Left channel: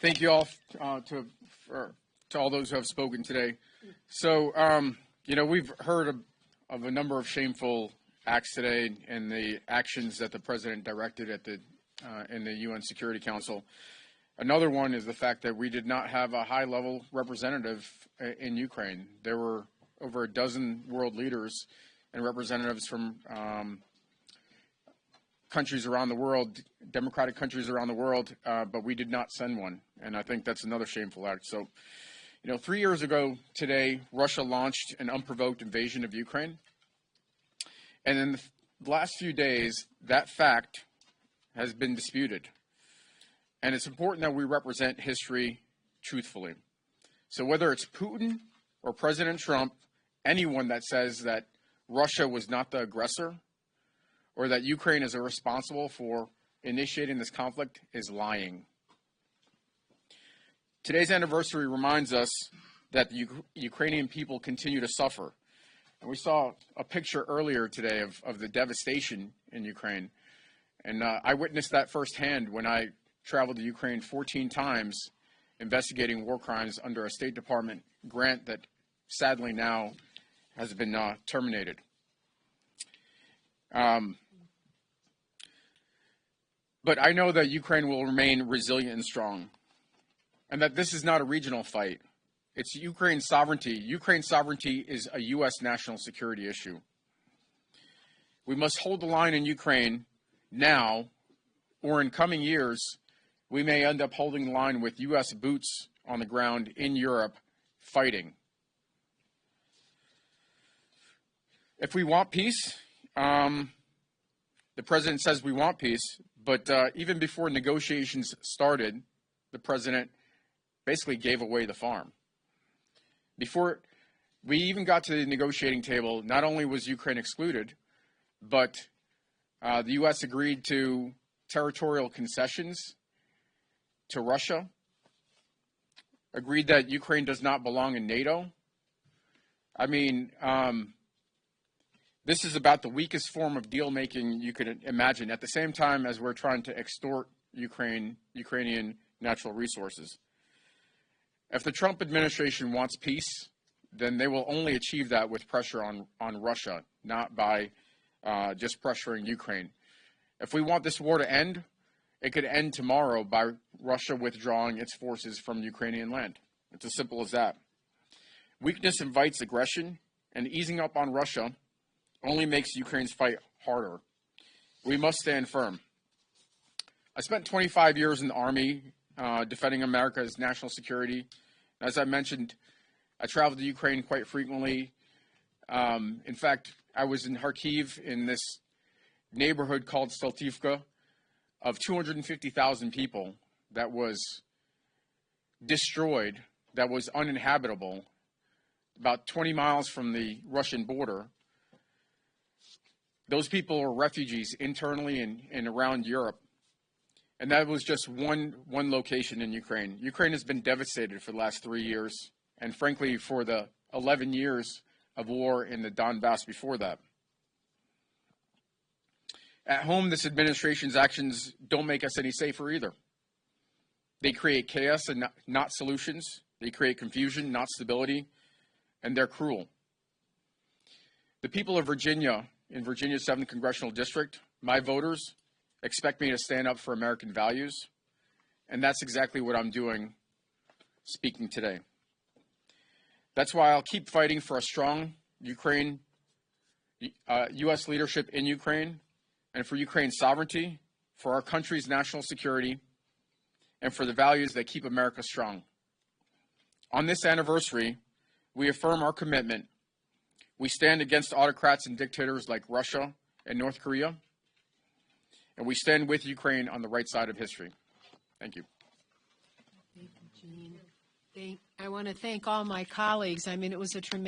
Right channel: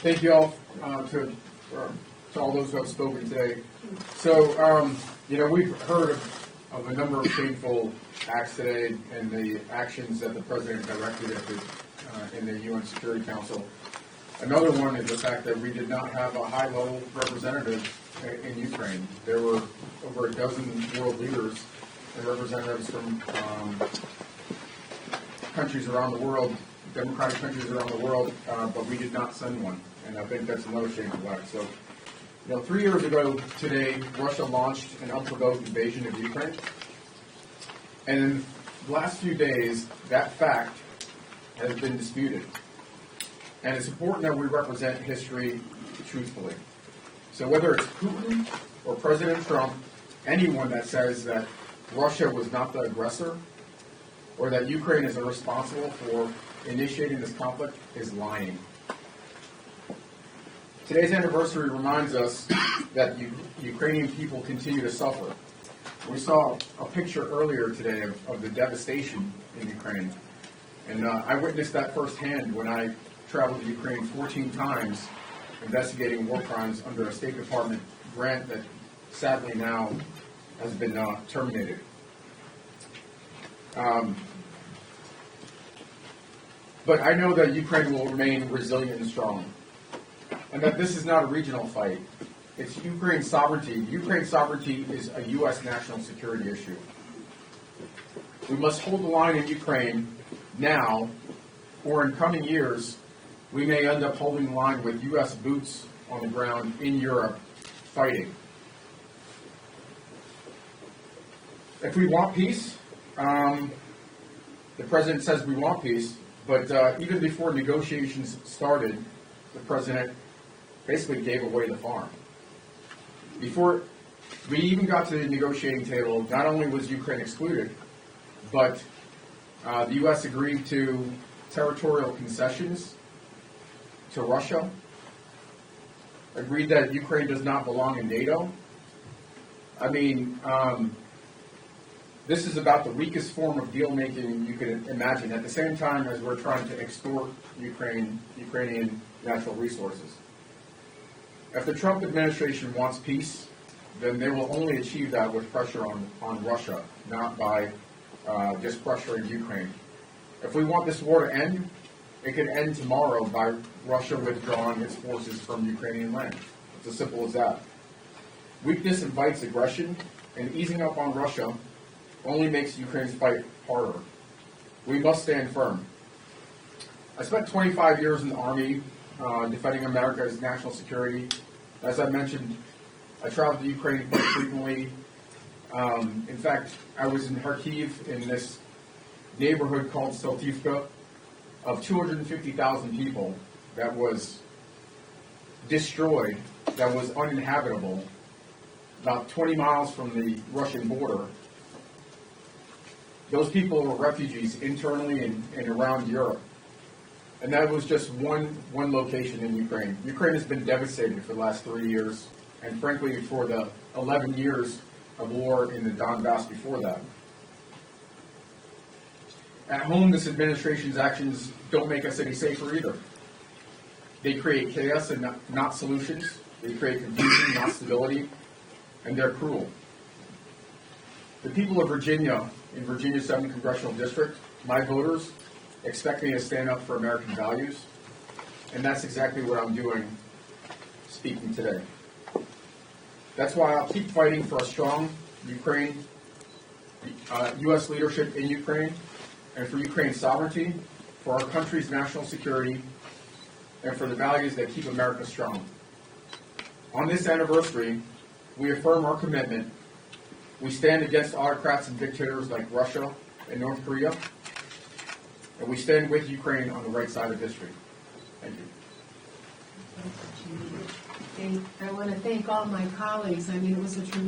Thank you all to all those who have spoken today. So, we've heard of a number of shameful acts today and the actions that the president directed at in the UN Security Council. Another one is the fact that we did not have a high-level representative in Ukraine. There were over a dozen world leaders and representatives from countries around the world, democratic countries around the world, but we did not send one. And I think that's another shameful act. So, 3 years ago today, Russia launched an unprovoked invasion of Ukraine. And in the last few days, that fact has been disputed. And it's important that we represent history truthfully. So whether it's Putin or President Trump, anyone that says that Russia was not the aggressor or that Ukraine is responsible for initiating this conflict is lying. Today's anniversary reminds us that Ukrainian people continue to suffer. We saw a picture earlier today of the devastation in Ukraine. And I witnessed that firsthand when I traveled to Ukraine 14 times investigating war crimes under a State Department grant that sadly now has been terminated. But I know that Ukraine will remain resilient and strong, and that this is not a regional fight. It's Ukraine's sovereignty. Ukraine's sovereignty is a U.S. national security issue. We must hold the line in Ukraine now, or in coming years, we may end up holding the line with U.S. boots on the ground in Europe fighting. If we want peace, the president says we want peace, but even before negotiations started, the president basically gave away the farm. Before we even got to the negotiating table, not only was Ukraine excluded, but the U.S. agreed to territorial concessions to Russia, agreed that Ukraine does not belong in NATO. I mean, this is about the weakest form of deal-making you could imagine, at the same time as we're trying to extort Ukrainian natural resources. If the Trump administration wants peace, then they will only achieve that with pressure on Russia, not by just pressuring Ukraine. If we want this war to end, it could end tomorrow by Russia withdrawing its forces from Ukrainian land. It's as simple as that. Weakness invites aggression, and easing up on Russia only makes Ukraine's fight harder. We must stand firm. I spent 25 years in the Army defending America's national security. As I mentioned, I traveled to Ukraine quite frequently. In fact, I was in Kharkiv in this neighborhood called Steltivka of 250,000 people that was destroyed, that was uninhabitable, about 20 miles from the Russian border. Those people were refugees internally and around Europe. And that was just one location in Ukraine. Ukraine has been devastated for the last 3 years, and frankly, for the 11 years of war in the Donbass before that. At home, this administration's actions don't make us any safer either. They create chaos and not solutions. They create confusion, not stability, and they're cruel. The people of Virginia, in Virginia's 7th Congressional District, my voters, expect me to stand up for American values, and that's exactly what I'm doing speaking today. That's why I'll keep fighting for a strong U.S. leadership in Ukraine, and for Ukraine's sovereignty, for our country's national security, and for the values that keep America strong. On this anniversary, we affirm our commitment. We stand against autocrats and dictators like Russia and North Korea, and we stand with Ukraine on the right side of history. Thank you. I want to thank all my colleagues. I mean, it was a tremendous